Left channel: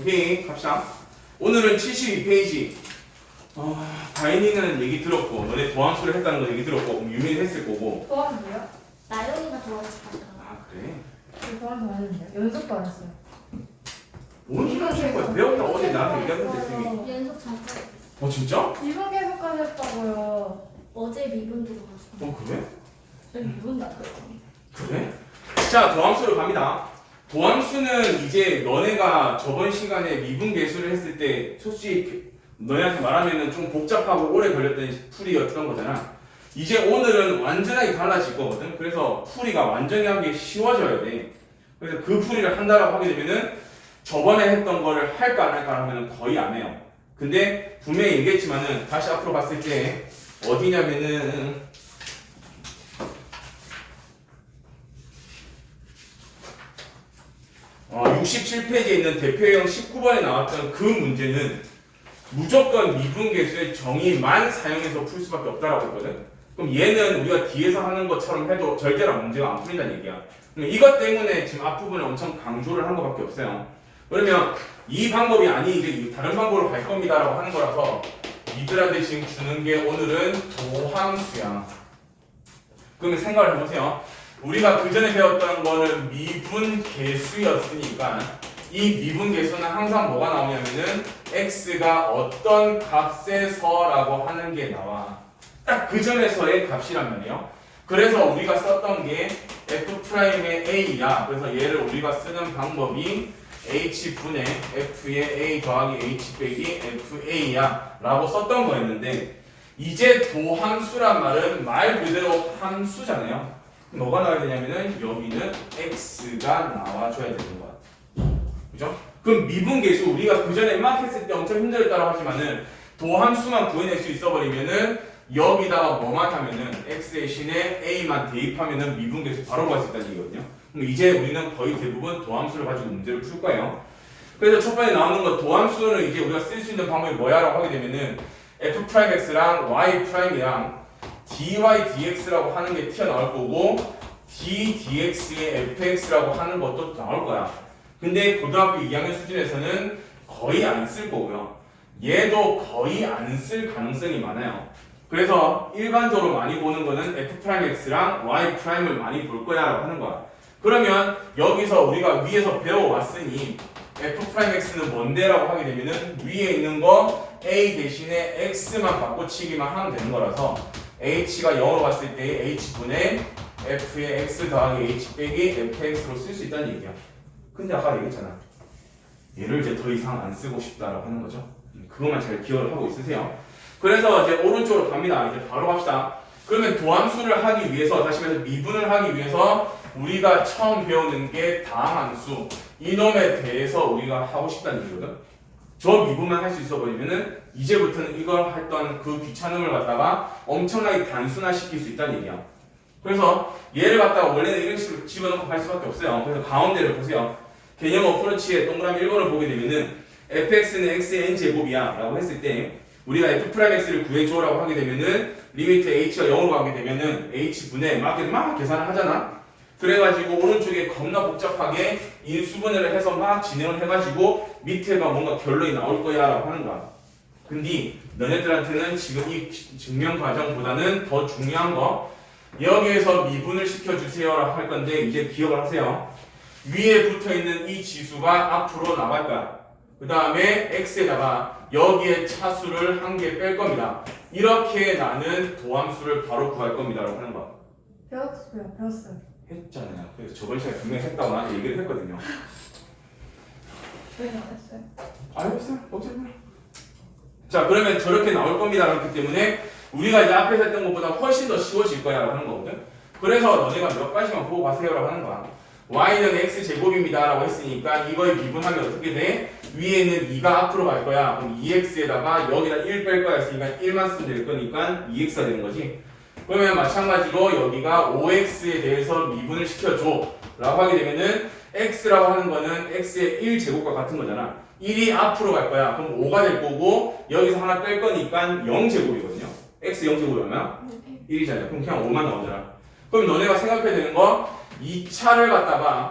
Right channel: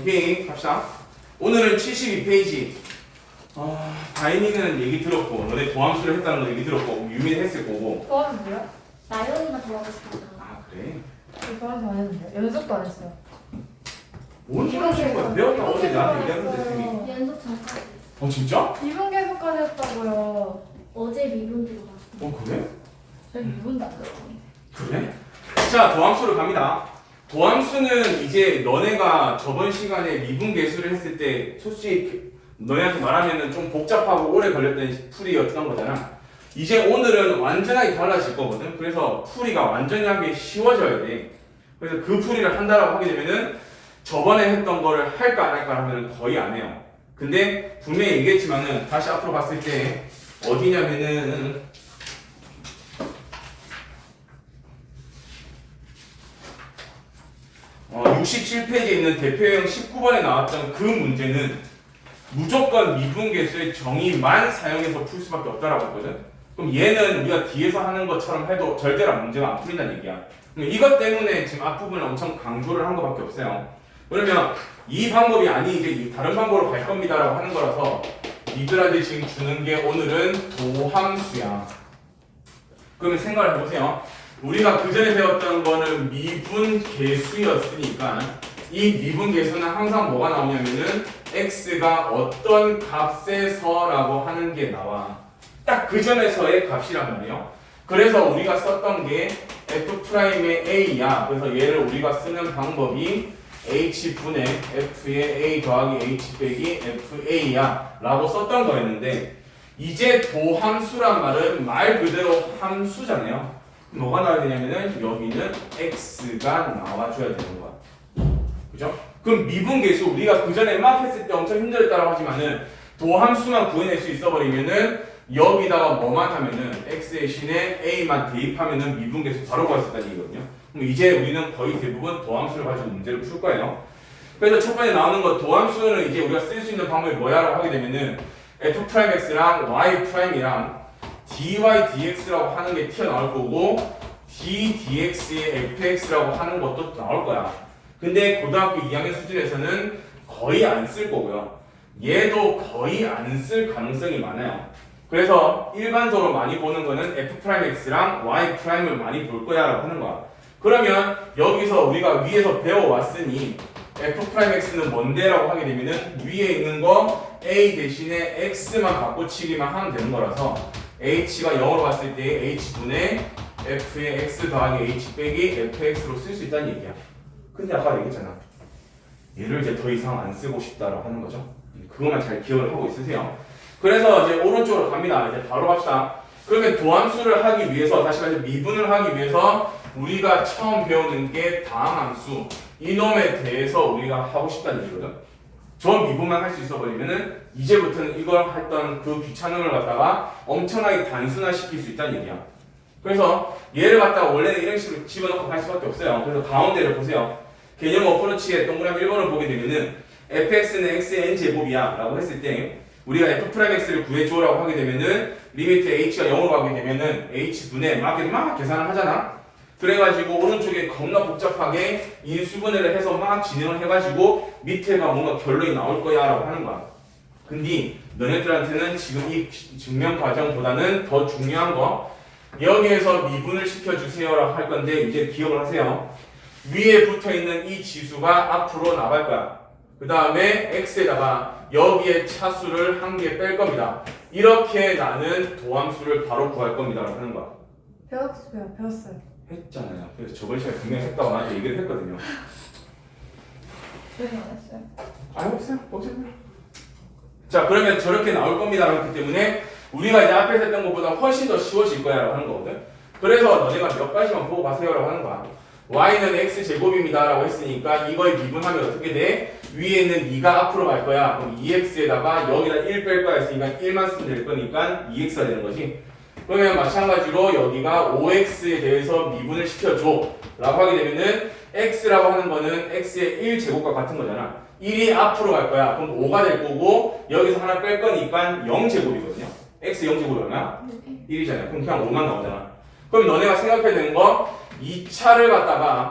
오케이, 갑시다. 오늘은 72페이지. 다인이는 얘기 들었고, 너네 도함수를 했다는 거 얘기 들었고, 유민이 했을 거고. 도와는 뭐야? 나연이가 도와줬어. 아, 그래? 저 도와는 안 했는데 연습도 안 했어요. 뭔 소리 하시는 거야? 배웠다고 어제 나한테 얘기하던데, 쌤이. 연습 잠깐. 진짜? 미분 계속까지 했다고요. 어제 미분기로 봤어. 그래? 저희 미분도 안 돼요. 그래? 자, 도함수로 갑니다. 도함수는 이제 너네가 저번 시간에 미분계수를 했을 때 솔직히 너네한테 말하면은 좀 복잡하고 오래 걸렸던 풀이였던 거잖아. 이제 오늘은 완전하게 달라질 거거든. 그래서 풀이가 완전하게 쉬워져야 돼. 그래서 그 풀이를 한다라고 하게 되면은 저번에 했던 거를 할까 안 할까 하면은 거의 안 해요. 근데 분명히 얘기했지만은 다시 앞으로 봤을 때 어디냐면은 67페이지에 있는 대표형 19번에 나왔던 그 문제는 무조건 미분계수의 정의만 사용해서 풀 수밖에 없다라고 했거든. 그럼 얘는 우리가 뒤에서 하는 것처럼 해도 절대로 문제가 안 풀린다는 얘기야. 이것 때문에 지금 앞부분을 엄청 강조를 한 것밖에 없어요. 그러면 이 방법이 아니 이제 다른 방법으로 갈 겁니다라고 하는 거라서 니들한테 지금 주는 게 오늘은 도함수야. 그러면 생각을 해보세요. 우리가 그 전에 배웠던 거는 미분계수였으니까 이 미분계수는 항상 뭐가 나오냐면은 x가 어떤 값에서라고 하는 게 나와. 딱 그 점에서의 값이란 말이에요. 그래서 우리가 썼던 게 f'의 a야. 그래서 얘를 우리가 쓰는 방법이 h분의 f의 a 더하기 h 빼기 fa야 라고 썼던 거였는데 이제 도함수란 말은 말 그대로 함수잖아요. 뭐가 나와야 되냐면은 여기는 x가 나와줘야 되는 거야. 그죠? 그럼 미분계수 우리가 그 전에 막 했을 때 엄청 힘들었다고 하지만은 도함수만 구해낼 수 있어버리면은 여기다가 뭐만 하면은 x 대신에 a만 대입하면은 미분계수 바로 구할 수 있다는 얘기거든요. 그럼 이제 우리는 거의 대부분 도함수를 가지고 문제를 풀 거예요. 그래서 첫 번째 나오는 거 도함수는 이제 우리가 쓸 수 있는 방법이 뭐야라고 하게 되면은 f'x랑 y'이랑 dy dx라고 하는 게 튀어나올 거고 d dx의 fx라고 하는 것도 나올 거야. 근데 고등학교 2학년 수준에서는 거의 안 쓸 거고요. 얘도 거의 안 쓸 가능성이 많아요. 그래서 일반적으로 많이 보는 거는 f'x랑 y'을 많이 볼 거야 라고 하는 거야. 그러면 여기서 우리가 위에서 배워왔으니 f'x는 뭔데 라고 하게 되면은 위에 있는 거 a 대신에 x만 바꿔치기만 하면 되는 거라서 h가 0으로 갔을 때 h분의 f의 x 더하기 h 빼기 fx로 쓸 수 있다는 얘기야. 근데 아까 얘기했잖아. 얘를 이제 더 이상 안 쓰고 싶다라고 하는 거죠. 그것만 잘 기억을 하고 있으세요. 그래서 이제 오른쪽으로 갑니다. 이제 바로 갑시다. 그러면 도함수를 하기 위해서 다시 말해서 미분을 하기 위해서 우리가 처음 배우는 게 다함함수 이놈에 대해서 우리가 하고 싶다는 얘기거든. 저 미분만 할 수 있어 버리면은 이제부터는 이걸 했던 그 귀찮음을 갖다가 엄청나게 단순화시킬 수 있다는 얘기야. 그래서 얘를 갖다가 원래는 이런 식으로 집어넣고 갈 수밖에 없어요. 그래서 가운데를 보세요. 개념 어프로치에 동그라미 1번을 보게 되면은 fx는 x의 n제곱이야 라고 했을 때 우리가 f'x를 구해줘 라고 하게 되면은 리미트 h가 0으로 가게 되면은 h분의 막 계산을 하잖아. 그래가지고 오른쪽에 겁나 복잡하게 인수분해를 해서 막 진행을 해가지고 밑에가 뭔가 결론이 나올 거야 라고 하는 거야. 근데 너네들한테는 지금 이 증명 과정보다는 더 중요한 거 여기에서 미분을 시켜주세요 라고 할 건데 이제 기억을 하세요. 위에 붙어있는 이 지수가 앞으로 나갈 거야. 그 다음에 x에다가 여기에 차수를 한 개 뺄 겁니다. 이렇게 나는 도함수를 바로 구할 겁니다 라고 하는 거야. 배웠어요. 했잖아요. 그래서 저번 시간에 분명히 했다고 나한테 얘기를 했거든요. 왜 안 했어요? 알겠어요. 어쨌든. 자, 그러면 저렇게 나올 겁니다. 그렇기 때문에 우리가 이제 앞에서 했던 것보다 훨씬 더 쉬워질 거야 라고 하는 거거든. 그래서 너네가 몇 가지만 보고 가세요 라고 하는 거야. y는 x제곱입니다 라고 했으니까 이거에 미분하면 어떻게 돼? 위에 있는 2가 앞으로 갈 거야. 그럼 2x에다가 여기다 1 뺄 거야 했으니까 1만 쓰면 될 거니까 2x가 되는 거지. 그러면 마찬가지로 여기가 5x에 대해서 미분을 시켜줘 라고 하게 되면은 x라고 하는 거는 x의 1제곱과 같은 거잖아. 1이 앞으로 갈 거야. 그럼 5가 될 거고 여기서 하나 뺄 거니까 0제곱이거든요. x 0제곱이 얼마야? 1이잖아요. 그럼 그냥 5만 나오잖아. 그럼 너네가 생각해야 되는 거 2차를 갖다가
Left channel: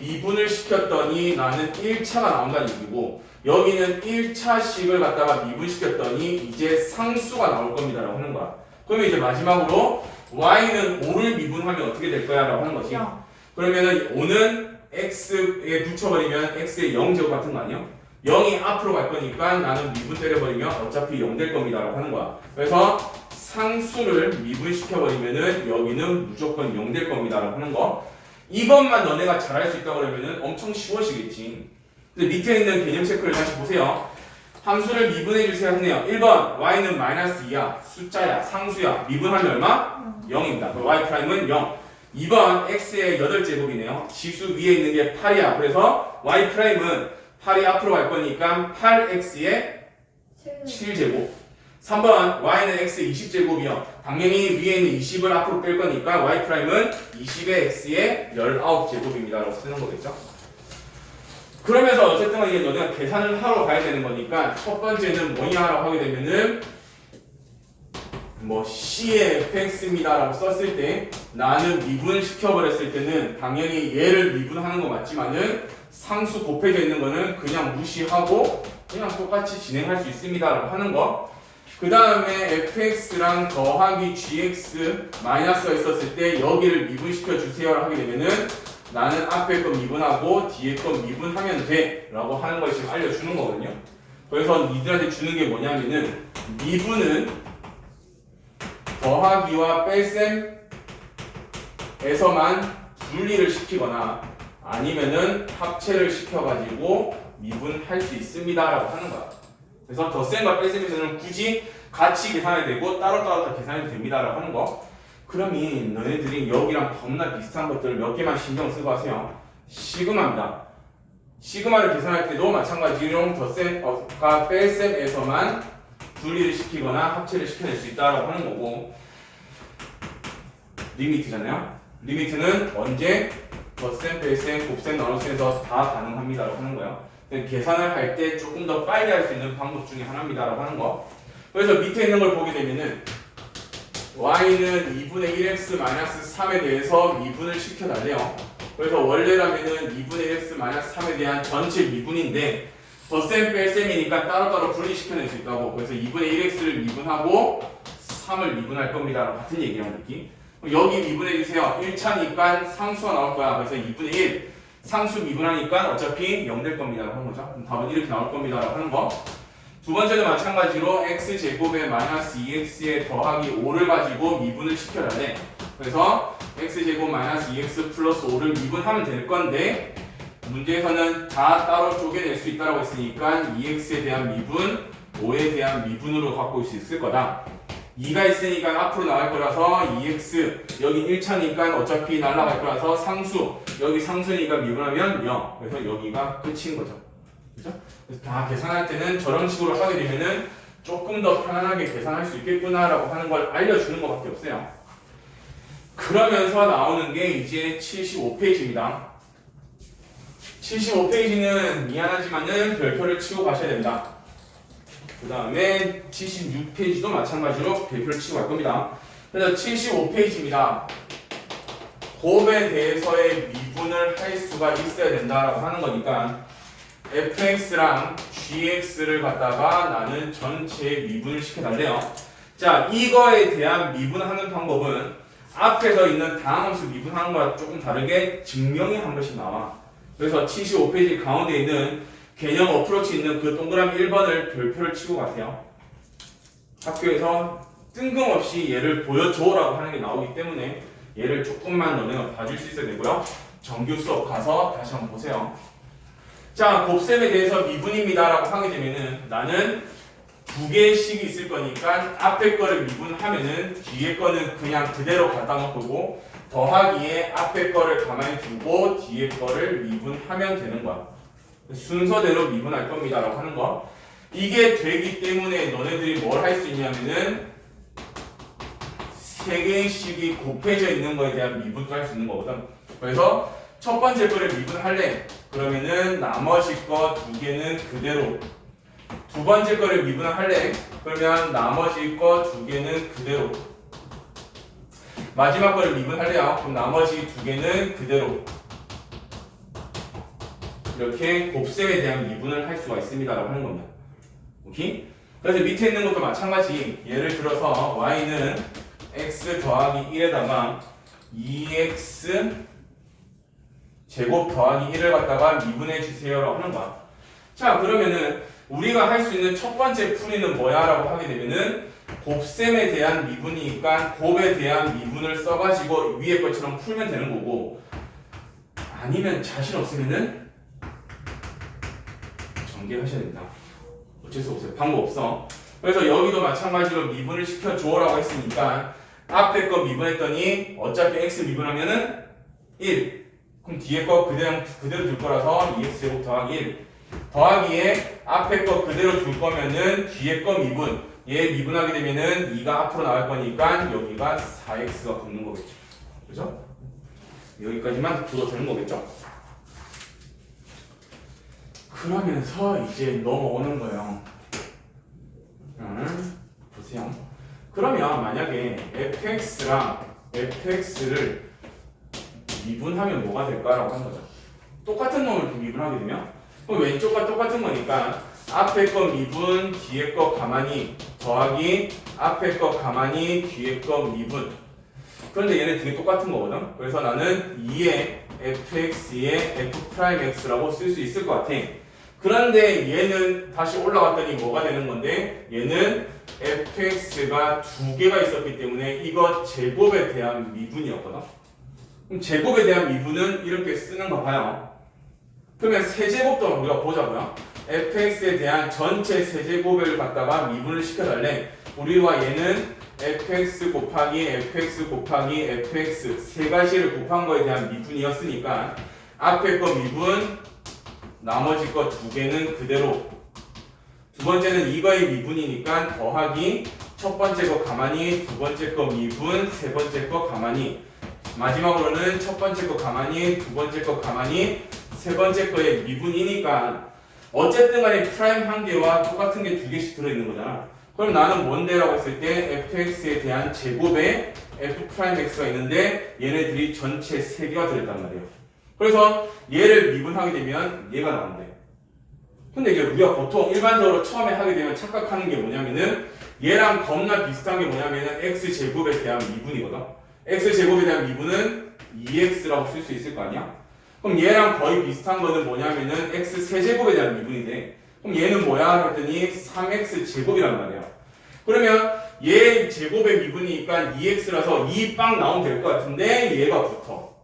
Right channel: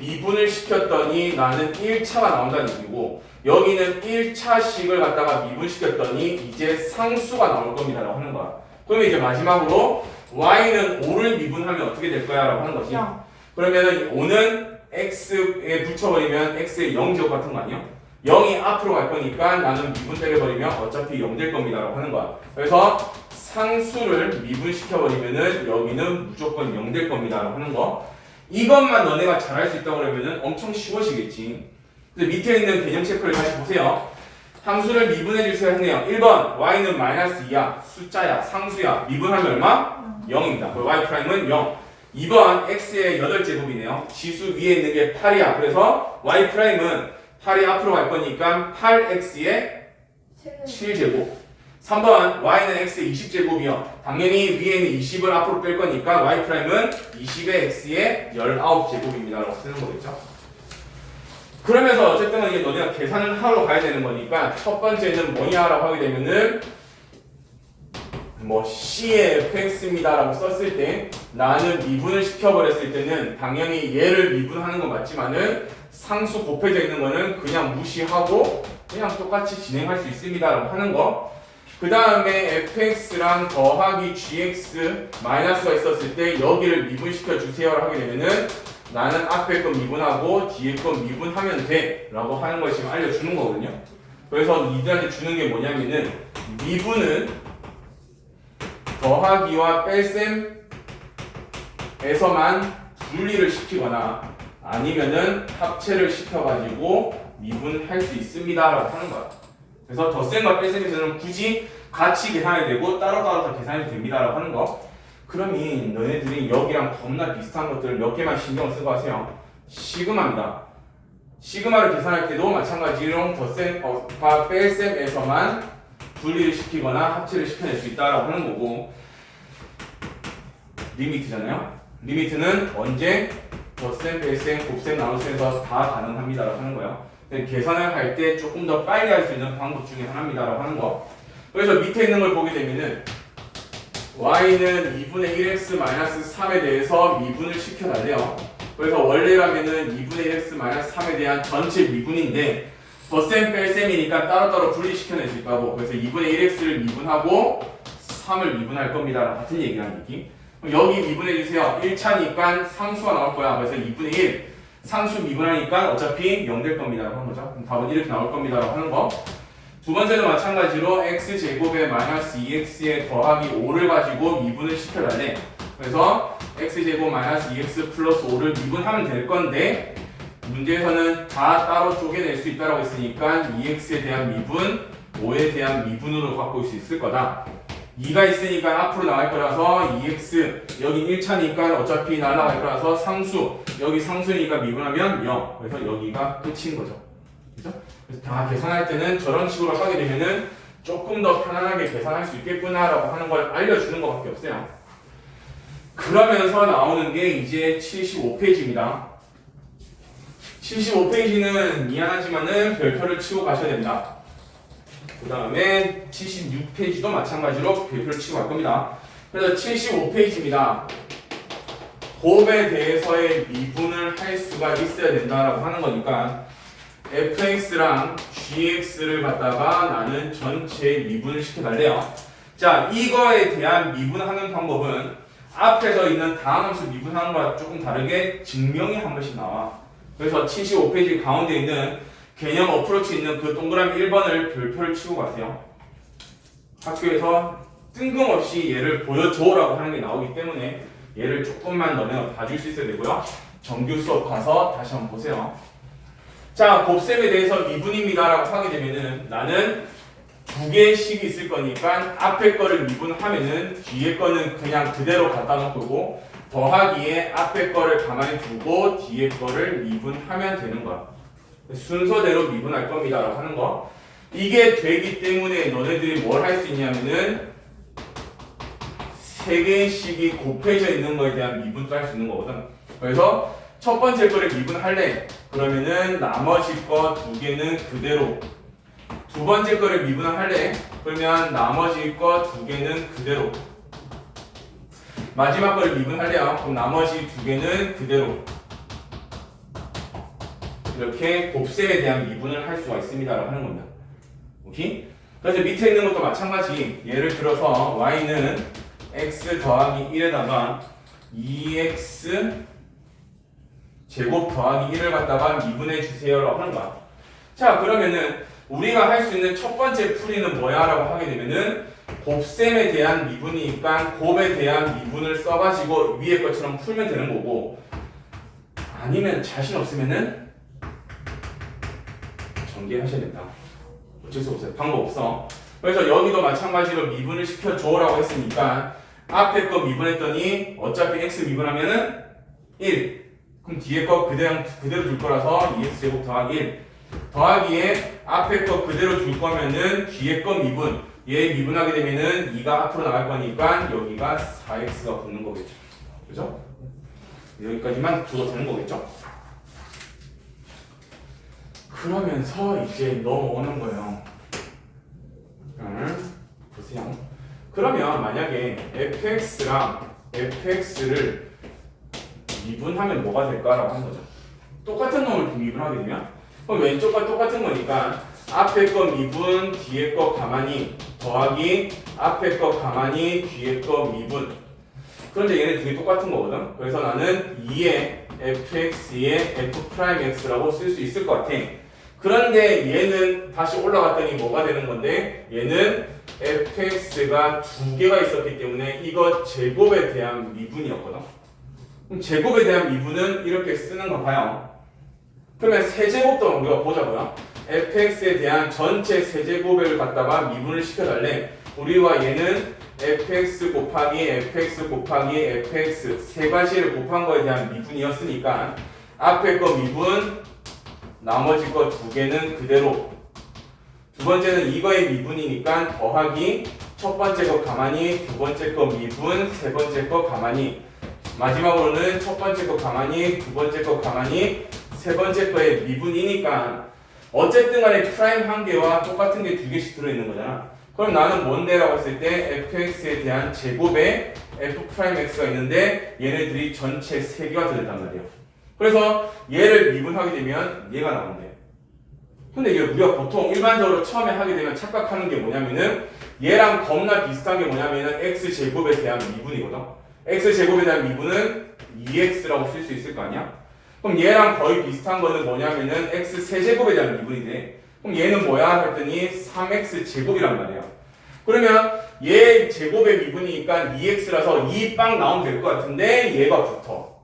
미분을 시켰더니 나는 1차가 나온다는 얘기고 여기는 1차식을 갖다가 미분시켰더니 이제 상수가 나올 겁니다 라고 하는 거야. 그러면 이제 마지막으로 y는 5를 미분하면 어떻게 될 거야 라고 하는 거지. 0. 그러면은 5는 x에 붙여버리면 x의 0제곱 같은 거 아니야? 0이 앞으로 갈 거니까 나는 미분 때려버리면 어차피 0 될 겁니다 라고 하는 거야. 그래서 상수를 미분시켜버리면은 여기는 무조건 0 될 겁니다 라고 하는 거. 이것만 너네가 잘할 수 있다 그러면은 엄청 쉬워지겠지. 근데 밑에 있는 개념 체크를 다시 보세요. 함수를 미분해 주세요 했네요. 1번 y는 마이너스 2야. 숫자야. 상수야. 미분하면 얼마? 0입니다. y''은 0. 2번 x의 8제곱이네요. 지수 위에 있는 게 8이야. 그래서 y''은 8이 앞으로 갈 거니까 8x의 7제곱. 3번 y는 x의 20제곱이요. 당연히 위에 있는 20을 앞으로 뺄 거니까 y''은 20의 x의 19제곱입니다. 라고 쓰는 거겠죠. 그러면서 어쨌든 이게 너네가 계산을 하러 가야 되는 거니까 첫 번째는 뭐냐라고 하게 되면은 뭐 C의 fx입니다 라고 썼을 때 나는 미분을 시켜버렸을 때는 당연히 얘를 미분하는 건 맞지만은 상수 곱해져 있는 거는 그냥 무시하고 그냥 똑같이 진행할 수 있습니다 라고 하는 거. 그 다음에 fx랑 더하기 gx 마이너스가 있었을 때 여기를 미분시켜 주세요 하게 되면은 나는 앞에 거 미분하고 뒤에 거 미분하면 돼 라고 하는 걸 지금 알려주는 거거든요. 그래서 니들한테 주는 게 뭐냐면은 미분은 더하기와 뺄셈에서만 분리를 시키거나 아니면은 합체를 시켜가지고 미분할 수 있습니다 라고 하는 거야. 그래서 덧셈과 뺄셈에서는 굳이 같이 계산이 되고 따로따로 다 계산이 됩니다 라고 하는 거. 그러면 너네들이 여기랑 겁나 비슷한 것들을 몇 개만 신경 쓰고 하세요. 시그마입니다. 시그마를 계산할 때도 마찬가지로 덧셈과 뺄셈에서만 분리를 시키거나 합체를 시켜낼 수 있다라고 하는 거고, 리미트잖아요. 리미트는 언제 덧셈, 뺄셈, 곱셈, 나눗셈에서 다 가능합니다라고 하는 거예요. 계산을 할 때 조금 더 빨리 할 수 있는 방법 중에 하나입니다라고 하는 거. 그래서 밑에 있는 걸 보게 되면은 y는 2분의 1x-3에 대해서 미분을 시켜달래요. 그래서 원래라면은 2분의 1x-3에 대한 전체 미분인데 덧셈 뺄셈이니까 따로따로 분리시켜낼 수 있다고. 그래서 2분의 1x를 미분하고 3을 미분할 겁니다. 같은 얘기라는 느낌. 여기 미분해 주세요. 1차니까 상수가 나올 거야. 그래서 2분의 1 상수 미분하니까 어차피 0 될 겁니다. 하는 거죠. 그럼 답은 이렇게 나올 겁니다. 하는 거. 두 번째도 마찬가지로 x제곱에 마이너스 2x에 더하기 5를 가지고 미분을 시켜달래. 그래서 x제곱 마이너스 2x 플러스 5를 미분하면 될 건데 문제에서는 다 따로 쪼개낼 수 있다고 했으니까 2x에 대한 미분, 5에 대한 미분으로 갖고 올 수 있을 거다. 2가 있으니까 앞으로 나갈 거라서 2x, 여기 1차니까 어차피 날아갈 거라서 상수, 여기 상수니까 미분하면 0. 그래서 여기가 끝인 거죠. 그죠? 그래서 다 계산할 때는 저런 식으로 하게 되면은 조금 더 편안하게 계산할 수 있겠구나라고 하는 걸 알려주는 것밖에 없어요. 그러면서 나오는 게 이제 75페이지입니다. 75페이지는 미안하지만은 별표를 치고 가셔야 됩니다. 그 다음에 76페이지도 마찬가지로 별표를 치고 갈 겁니다. 그래서 75페이지입니다. 곱에 대해서의 미분을 할 수가 있어야 된다라고 하는 거니까 fx랑 gx를 갖다가 나는 전체 미분을 시켜달래요. 자, 이거에 대한 미분하는 방법은 앞에서 있는 다항 함수 미분하는 거와 조금 다르게 증명이 한 번씩 나와. 그래서 75페이지 가운데 있는 개념 어프로치 있는 그 동그라미 1번을 별표를 치고 가세요. 학교에서 뜬금없이 얘를 보여줘라고 하는 게 나오기 때문에 얘를 조금만 너네가 봐줄 수 있어야 되고요. 정규 수업 가서 다시 한번 보세요. 자, 곱셈에 대해서 미분입니다라고 하게 되면은 나는 두 개씩 있을 거니까 앞에 거를 미분하면은 뒤에 거는 그냥 그대로 갖다 놓고 더하기에 앞에 거를 가만히 두고 뒤에 거를 미분하면 되는 거야. 순서대로 미분할 겁니다라고 하는 거. 이게 되기 때문에 너네들이 뭘 할 수 있냐면은 세 개씩이 곱해져 있는 거에 대한 미분도 할 수 있는 거거든. 그래서 첫 번째 거를 미분할래. 그러면은 나머지 거 두 개는 그대로. 두 번째 거를 미분을 할래. 그러면 나머지 거 두 개는 그대로. 마지막 거를 미분할래요. 그럼 나머지 두 개는 그대로. 이렇게 곱셈에 대한 미분을 할 수가 있습니다라고 하는 겁니다. 오케이? 그래서 밑에 있는 것도 마찬가지. 예를 들어서 y는 x 더하기 1에다가 2x 제곱 더하기 1을 갖다가 미분해 주세요라고 하는 거야. 자, 그러면은 우리가 할 수 있는 첫 번째 풀이는 뭐야? 라고 하게 되면은 곱셈에 대한 미분이니까 곱에 대한 미분을 써가지고 위에 것처럼 풀면 되는 거고, 아니면 자신 없으면은 전개하셔야 된다. 어쩔 수 없어요. 방법 없어. 그래서 여기도 마찬가지로 미분을 시켜줘라고 했으니까 앞에 거 미분했더니 어차피 x 미분하면은 1. 그럼 뒤에 거 그대로 둘 거라서 2x 제곱 더하기 1 더하기에 앞에 거 그대로 둘 거면은 뒤에 거 미분, 얘 미분하게 되면은 2가 앞으로 나갈 거니까 여기가 4x가 붙는 거겠죠. 그죠? 여기까지만 둬도 되는 거겠죠? 그러면서 이제 넘어오는 거예요. 보세요. 그러면 만약에 fx랑 fx를 미분하면 뭐가 될까라고 하는 거죠. 똑같은 놈을 미분하게 되면 그럼 왼쪽과 똑같은 거니까 앞에 거 미분, 뒤에 거 가만히 더하기 앞에 거 가만히 뒤에 거 미분. 그런데 얘네 둘이 똑같은 거거든. 그래서 나는 2의 fx의 f'x라고 쓸 수 있을 것 같아. 그런데 얘는 다시 올라갔더니 뭐가 되는 건데, 얘는 fx가 두 개가 있었기 때문에 이거 제곱에 대한 미분이었거든. 그럼 제곱에 대한 미분은 이렇게 쓰는 거 봐요. 그러면 세제곱도 우리가 보자고요. fx에 대한 전체 세제곱을 갖다가 미분을 시켜달래. 우리와 얘는 fx 곱하기 fx 세 가지를 곱한 거에 대한 미분이었으니까 앞에 거 미분, 나머지 거 두 개는 그대로. 두 번째는 이거의 미분이니까 더하기 첫 번째 거 가만히, 두 번째 거 미분, 세 번째 거 가만히. 마지막으로는 첫 번째 거 가만히, 두 번째 거 가만히, 세 번째 거의 미분이니까 어쨌든 간에 프라임 한 개와 똑같은 게 두 개씩 들어있는 거잖아. 그럼 나는 뭔데? 라고 했을 때 fx에 대한 제곱에 f'x가 있는데 얘네들이 전체 세 개가 들어있단 말이에요. 그래서 얘를 미분하게 되면 얘가 나온대. 근데 이제 우리가 보통 일반적으로 처음에 하게 되면 착각하는 게 뭐냐면은 얘랑 겁나 비슷한 게 뭐냐면은 x제곱에 대한 미분이거든. x제곱에 대한 미분은 2x라고 쓸 수 있을 거 아니야? 그럼 얘랑 거의 비슷한 거는 뭐냐면은 x 세제곱에 대한 미분인데, 그럼 얘는 뭐야? 했더니 3x 제곱이란 말이야. 그러면 얘 제곱의 미분이니까 2x라서 2 빵 나오면 될 것 같은데 얘가 붙어.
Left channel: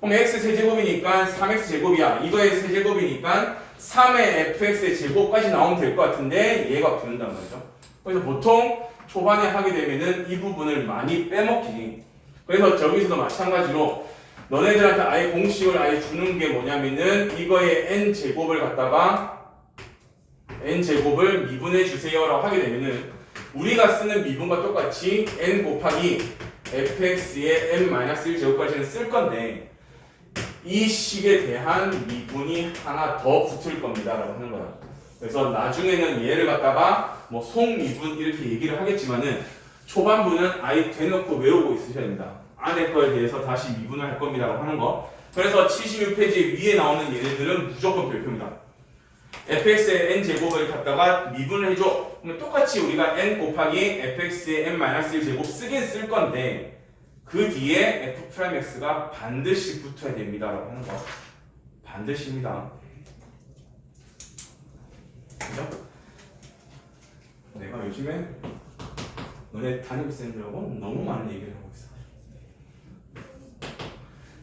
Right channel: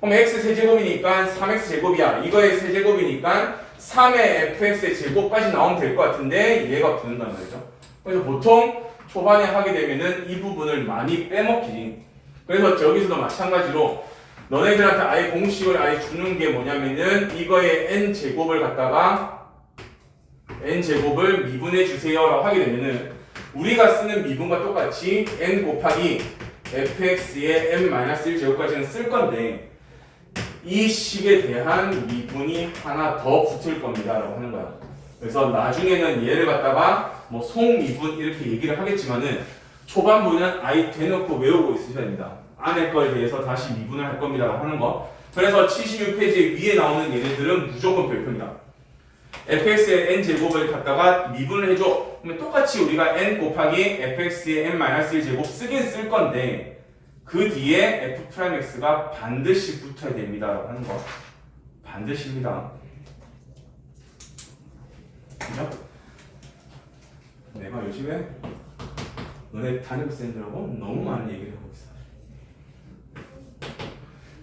그럼 x 세제곱이니까 3x 제곱이야. 이거의 세제곱이니까 3의 fx의 제곱까지 나오면 될 것 같은데 얘가 붙는단 말이죠. 그래서 보통 초반에 하게 되면은 이 부분을 많이 빼먹히지. 그래서 저기서도 마찬가지로 너네들한테 아예 공식을 아예 주는 게 뭐냐면은 이거의 n제곱을 갖다가 n제곱을 미분해 주세요라고 하게 되면은 우리가 쓰는 미분과 똑같이 n 곱하기 fx의 n-1 제곱까지는 쓸 건데 이 식에 대한 미분이 하나 더 붙을 겁니다 라고 하는 거야. 그래서 나중에는 얘를 갖다가 뭐 속미분 이렇게 얘기를 하겠지만은 초반부는 아예 대놓고 외우고 있으셔야 됩니다. 안에 거에 대해서 다시 미분을 할 겁니다 라고 하는 거. 그래서 76페이지 위에 나오는 얘네들은 무조건 별표입니다. fx의 n제곱을 갖다가 미분을 해줘. 그러면 똑같이 우리가 n 곱하기 fx의 n-1 제곱 쓰긴 쓸 건데 그 뒤에 f'x가 반드시 붙어야 됩니다 라고 하는 거. 반드시입니다. 그죠? 내가 요즘에 너네 담임쌤들하고 너무 많은 얘기를 하고 있어.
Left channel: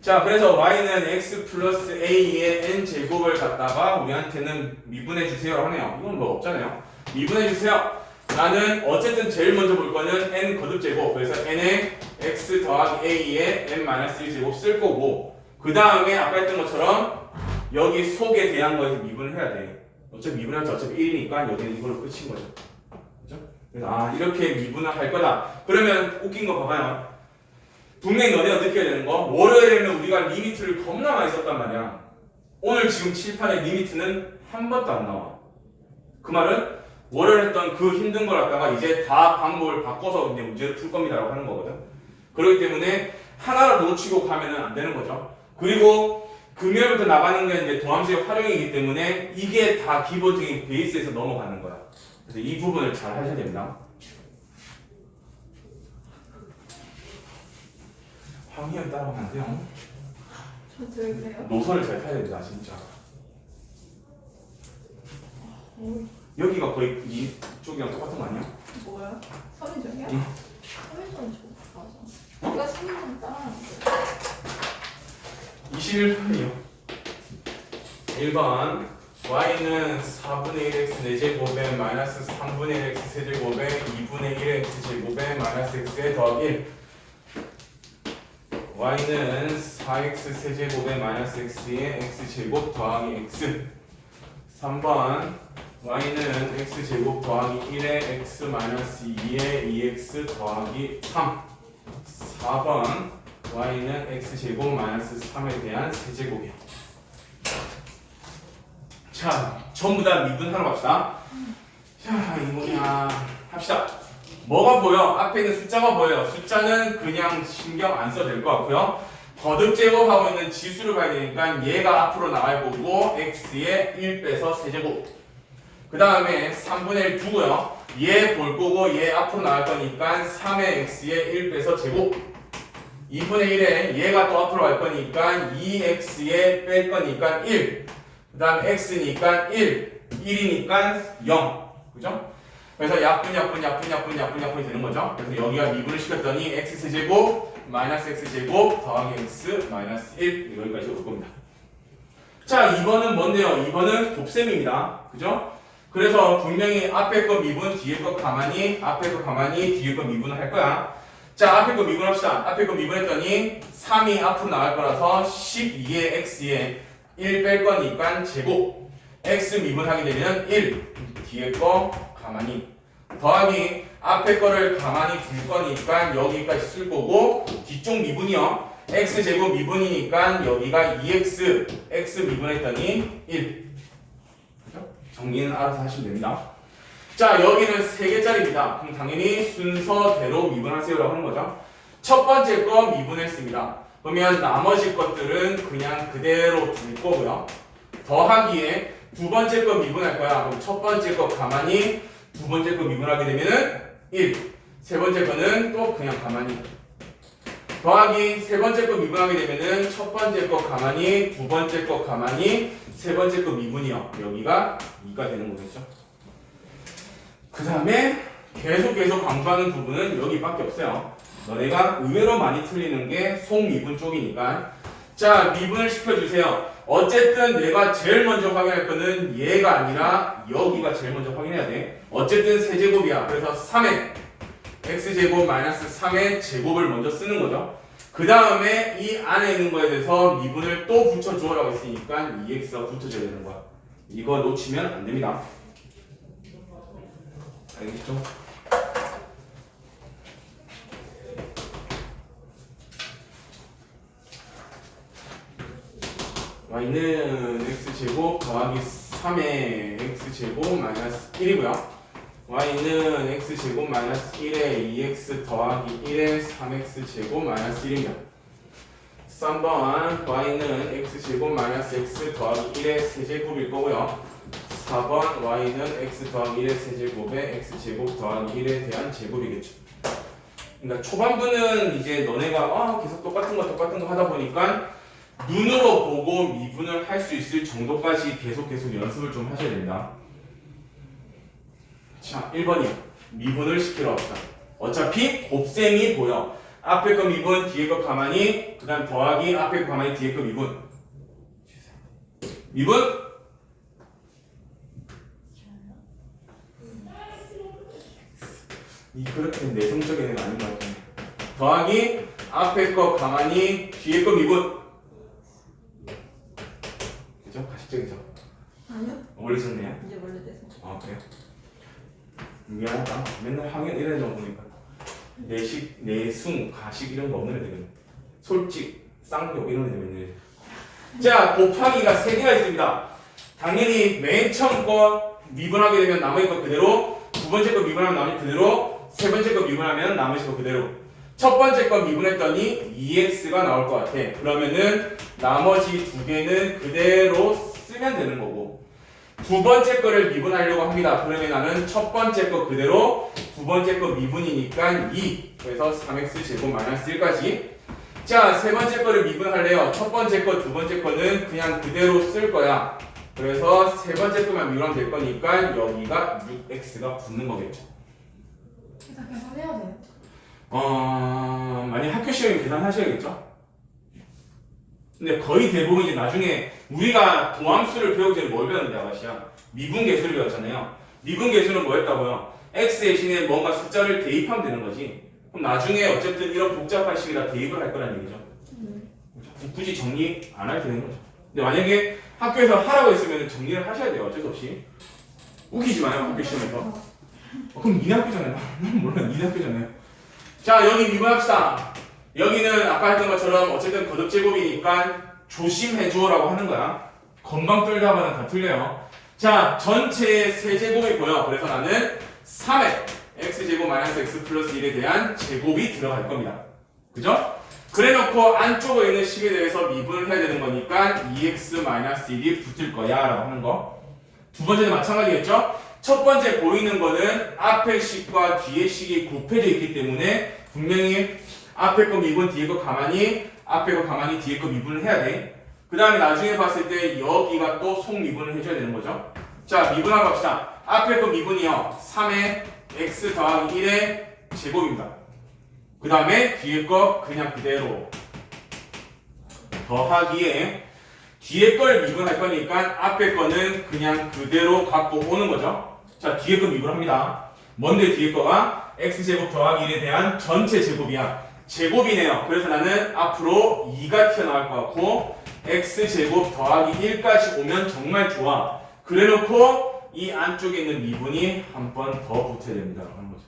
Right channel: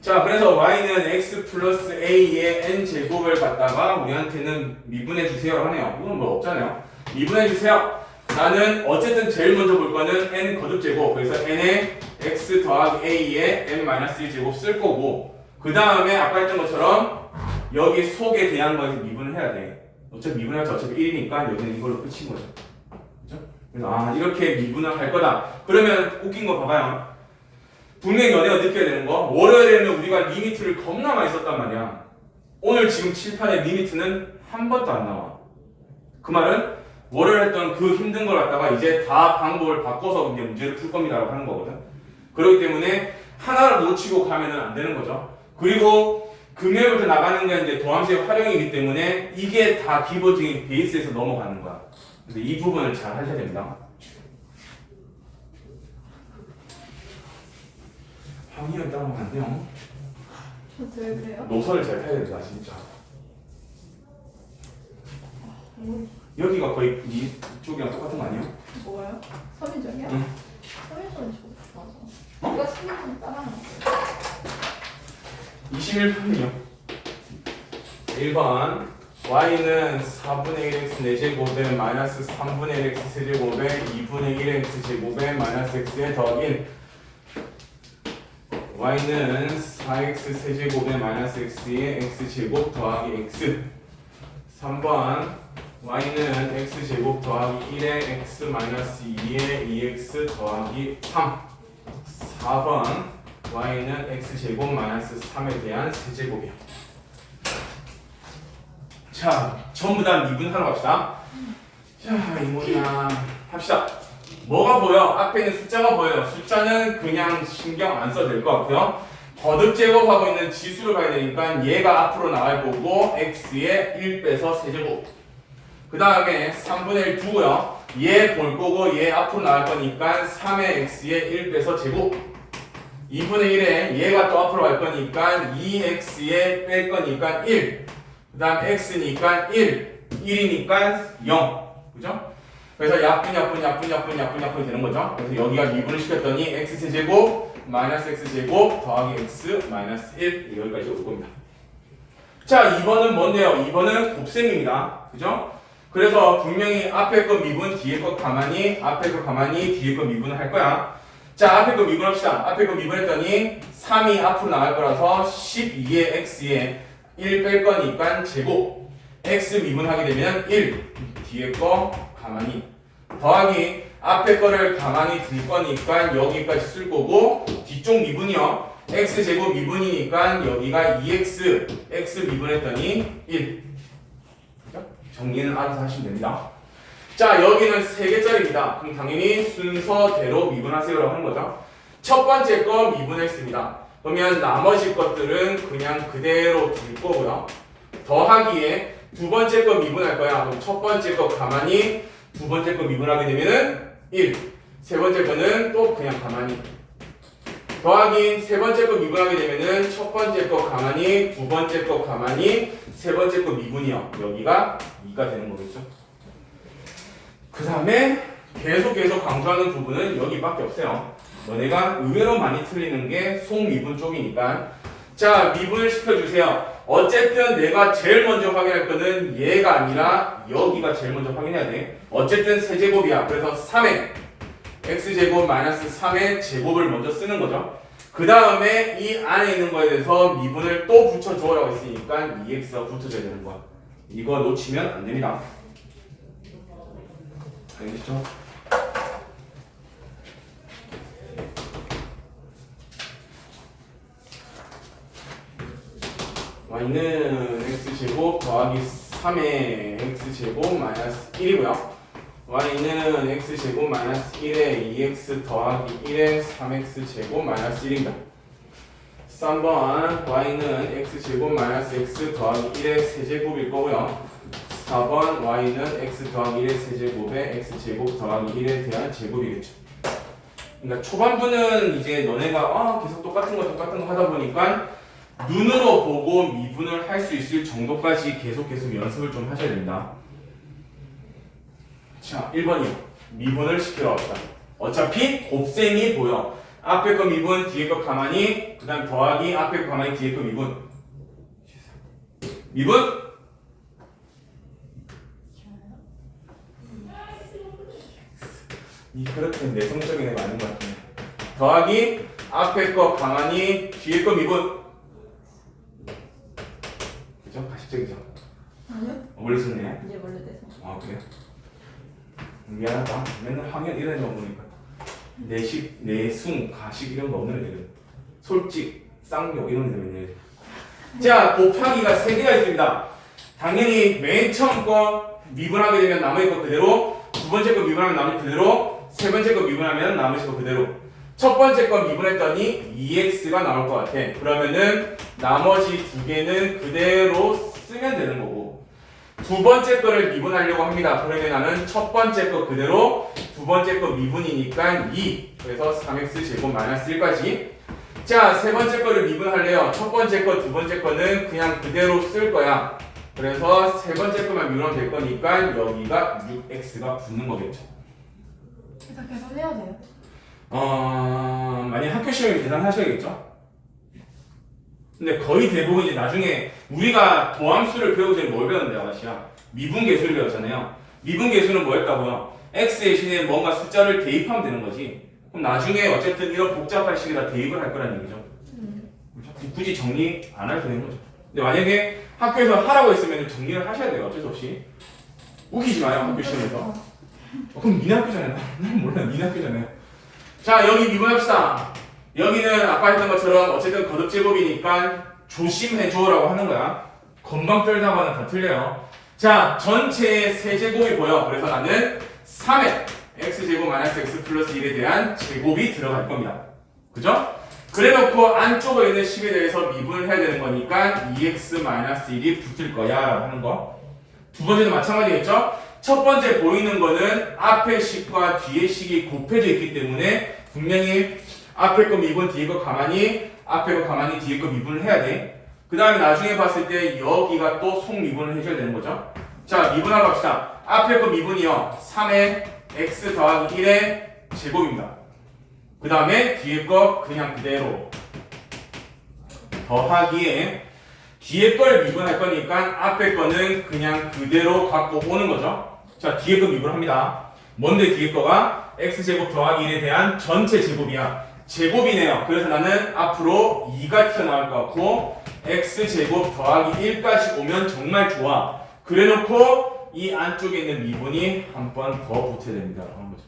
자, 그래서 y는 x 플러스 a의 n제곱을 갖다가 우리한테는 미분해 주세요 하네요. 이건 뭐 없잖아요. 미분해 주세요. 나는 어쨌든 제일 먼저 볼 거는 n 거듭제곱. 그래서 n에 x 더하기 a의 n-1 제곱 쓸 거고, 그 다음에 아까 했던 것처럼 여기 속에 대한 거에 미분을 해야 돼. 어차피 미분할 때 어차피 1이니까 여기는 이걸로 끝인 거죠. 그죠? 그래서 이렇게 미분을 할 거다. 그러면 웃긴 거 봐봐요. 분명히 너네가 느껴야 되는 거, 월요일에는 우리가 리미트를 겁나 많이 썼단 말이야. 오늘 지금 칠판에 리미트는 한 번도 안 나와. 그 말은 월요일 했던 그 힘든 걸 갖다가 이제 다 방법을 바꿔서 이제 문제를 풀 겁니다 라고 하는 거거든. 그렇기 때문에 하나를 놓치고 가면은 안 되는 거죠. 그리고 극렬부터 나가는 게 이제 도함수의 활용이기 때문에 이게 다 기본적인 베이스에서 넘어가는 거야. 그래서 이 부분을 잘 하셔야 됩니다. 황희연 따라가면 안 돼요. 저한테 왜 그래요? 노선을 잘 타야 된다 진짜. 여기가 거의 이쪽이랑 똑같은 거 아니야? 뭐예요? 선인정이요? 응. 선인정 맞아. 내가 선인정 따라하는 거. 21번이요. 1번 y는 4분의 1x 4제곱에 마이너스 3분의 1x 세제곱에 2분의 1x 제곱에 마이너스 x에 더하기 1. y는 4x 세제곱에 마이너스 x에 x제곱 더하기 x. 3번 y는 x제곱 더하기 1에 x 마이너스 2에 2x 더하기 3. 4번 y는 x제곱 마이너스 3에 대한 세제곱이야. 자, 전부 다 미분하러 갑시다. 자, 이 뭐냐 합시다. 뭐가 보여? 앞에 있는 숫자가 보여요. 숫자는 그냥 신경 안 써도 될 것 같고요. 거듭 제곱하고 있는 지수를 봐야 되니까 얘가 앞으로 나갈 거고 x에 1 빼서 세제곱. 그 다음에 3분의 1 두고요. 얘 볼 거고 얘 앞으로 나갈 거니까 3의 x에 1 빼서 제곱. 2분의 1에 얘가 또 앞으로 갈 거니까 2x에 뺄 거니까 1. 그 다음 x니까 1. 1이니까 0. 그죠? 그래서 약분 되는 거죠. 그래서 여기가 미분을 시켰더니 x세제곱 마이너스 x제곱 더하기 x 마이너스 1 여기까지 올 겁니다. 자, 2번은 뭔데요? 2번은 곱셈입니다. 그죠? 그래서 분명히 앞에 거 미분, 뒤에 거 가만히, 앞에 거 가만히, 뒤에 거 미분을 할 거야. 자, 앞에 거 미분합시다. 앞에 거 미분했더니 3이 앞으로 나갈 거라서 12의 x에 1 뺄 거니까 제곱. x 미분하게 되면 1. 뒤에 거 가만히. 더하기 앞에 거를 가만히 둘 거니까 여기까지 쓸 거고 뒤쪽 미분이요. x제곱 미분이니까 여기가 2x. x 미분했더니 1. 정리는 알아서 하시면 됩니다. 자, 여기는 3개짜리입니다. 그럼 당연히 순서대로 미분하세요라고 하는 거죠. 첫 번째 거 미분했습니다. 그러면 나머지 것들은 그냥 그대로 둘 거고요. 더하기에 두 번째 거 미분할 거야. 그럼 첫 번째 거 가만히, 두 번째 거 미분하게 되면은 1. 세 번째 거는 또 그냥 가만히. 더하기 세 번째 거 미분하게 되면은 첫 번째 거 가만히, 두 번째 거 가만히, 세 번째 거 미분이요. 여기가 2가 되는 거겠죠. 그 다음에 계속 강조하는 부분은 여기밖에 없어요. 너네가 의외로 많이 틀리는 게 속미분 쪽이니까. 자, 미분을 시켜주세요. 어쨌든 내가 제일 먼저 확인할 거는 얘가 아니라 여기가 제일 먼저 확인해야 돼. 어쨌든 세제곱이야. 그래서 3의 x제곱 마이너스 3의 제곱을 먼저 쓰는 거죠. 그 다음에 이 안에 있는 거에 대해서 미분을 또 붙여줘라고 했으니까 2x가 붙어줘야 되는 거야. 이거 놓치면 안 됩니다. 알겠죠? y는 x제곱 더하기 3의 x제곱 마이너스 1이고요. y는 x제곱 마이너스 1에 2x 더하기 1에 3x제곱 마이너스 1입니다. 3번 y는 x제곱 마이너스 x 더하기 1의 세제곱일 거고요. 4번 y는 x 더하기 1의 세제곱에 x제곱 더하기 1에 대한 제곱이겠죠. 그러니까 초반부는 이제 너네가 계속 똑같은 거 하다 보니까 눈으로 보고 미분을 할 수 있을 정도까지 계속 연습을 좀 하셔야 됩니다. 자, 1번이요. 미분을 시키러 합시다. 어차피 곱셈이 보여. 앞에 거 미분, 뒤에 거 가만히, 그 다음 더하기, 앞에 거 가만히, 뒤에 거 미분. 미분? 이 그렇게 내성적인 애가 아닌 것 같아. 더하기, 앞에 거 가만히, 뒤에 거 미분. 그죠? 가식적이죠? 아니요. 원래 있었네. 이제 원래 돼서. 아, 그래요? 미안하다. 맨날 학연 이래 넣어보니까 내식, 내숭, 가식 이런 거 없는 애들. 솔직, 쌍욕 이런 애들 맨날. 자, 곱하기가 3개가 있습니다. 당연히 맨 처음 거 미분하게 되면 나머지 거 그대로, 두 번째 거 미분하면 나머지 그대로, 세 번째 거 미분하면 나머지 거 그대로. 첫 번째 거 미분했더니 2x가 나올 것 같아. 그러면은 나머지 두 개는 그대로 쓰면 되는 거고, 두 번째 거를 미분하려고 합니다. 그러면 나는 첫 번째 거 그대로, 두 번째 거 미분이니까 2, 그래서 3x 제곱 마이너스 1까지. 자, 세 번째 거를 미분할래요. 첫 번째 거, 두 번째 거는 그냥 그대로 쓸 거야. 그래서 세 번째 거만 미분하면 될 거니까 여기가 6x가 붙는 거겠죠. 이거 계산해야 돼요. 만약 학교 시험에 계산하셔야겠죠? 근데 거의 대부분 이제 나중에 우리가 도함수를 배우기 전에 뭘 배웠는데 아가씨야? 미분계수를 배웠잖아요. 미분계수는 뭐였다고요? x 대신에 뭔가 숫자를 대입하면 되는 거지. 그럼 나중에 어쨌든 이런 복잡한 식에다 대입을 할 거란 얘기죠. 굳이 정리 안 해도 되는 거죠. 근데 만약에 학교에서 하라고 했으면 정리를 하셔야 돼요. 어쩔 수 없이. 우기지 마요, 학교 시험에서. 그럼 니네 학교잖아요. 난 몰라, 니네 학교잖아요. 자, 여기 미분합시다. 여기는 아까 했던 것처럼 어쨌든 거듭제곱이니까 조심해줘라고 하는 거야. 건방 떨다가는 다 틀려요. 자, 전체의 세제곱이 보여. 그래서 나는 3의 x제곱 마이너스 x 플러스 1에 대한 제곱이 들어갈 겁니다. 그죠? 그래놓고 안쪽에 있는 식에 대해서 미분을 해야 되는 거니까 2x 마이너스 1이 붙을 거야 라고 하는 거. 두 번째도 마찬가지겠죠? 첫 번째 보이는 거는 앞에 식과 뒤에 식이 곱해져 있기 때문에 분명히 앞에 거 미분, 뒤에 거 가만히, 앞에 거 가만히, 뒤에 거 미분을 해야 돼. 그 다음에 나중에 봤을 때 여기가 또 속미분을 해줘야 되는 거죠. 자, 미분하러 갑시다. 앞에 거 미분이요. 3의 x 더하기 1의 제곱입니다. 그 다음에 뒤에 거 그냥 그대로 더하기에 뒤에 걸 미분할 거니까 앞에 거는 그냥 그대로 갖고 오는 거죠. 자, 뒤에 거 미분합니다. 뭔데 뒤에 거가 x제곱 더하기 1에 대한 전체 제곱이야. 제곱이네요. 그래서 나는 앞으로 2가 튀어나올 것 같고 x제곱 더하기 1까지 오면 정말 좋아. 그래놓고 이 안쪽에 있는 미분이 한 번 더 붙어야 됩니다. 라는 거죠.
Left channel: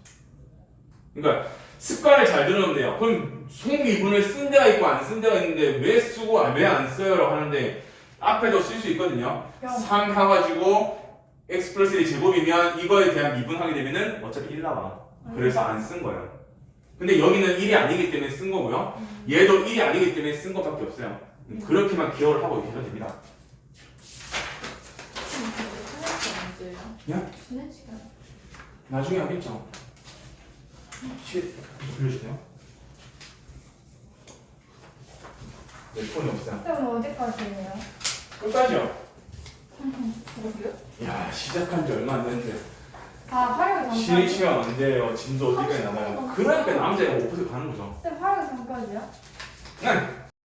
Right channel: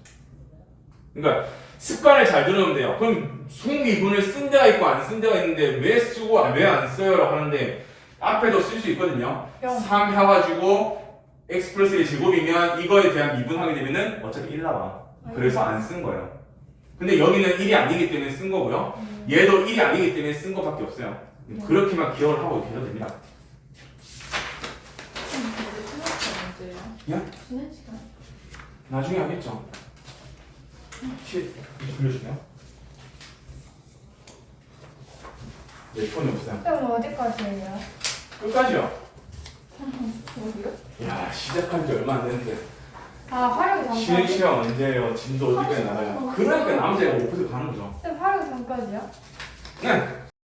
그러니까 습관을 잘 들으면 돼요. 그럼 속미분을 쓴 데가 있고 안 쓴 데가 있는데 왜 쓰고 왜 안 써요? 라고 하는데 앞에도 쓸 수 있거든요. 3 해가지고 x 플러스 1이 제곱이면 이거에 대한 미분하게 되면은 어차피 1 나와. 그래서 안 쓴 거예요. 근데 여기는 1이 아니기 때문에 쓴 거고요. 얘도 1이 아니기 때문에 쓴 거밖에 없어요. 그렇게만 기억을 하고 계시면 됩니다. 야? 쉬는 시간. 나중에 하겠죠. 돌려주세요. 내 폰이 없어요. 그럼 어디까지 해요? 끝까지요. 어디요? 야, 시작한 지 얼마 안 됐는데 아, 활용이 쉬는 전까지? 시간 언제예요? 진도 어디까지 나가요? 그러니까 남자애가 5% 가는 거죠. 쌤 활용이 전까지요? 그냥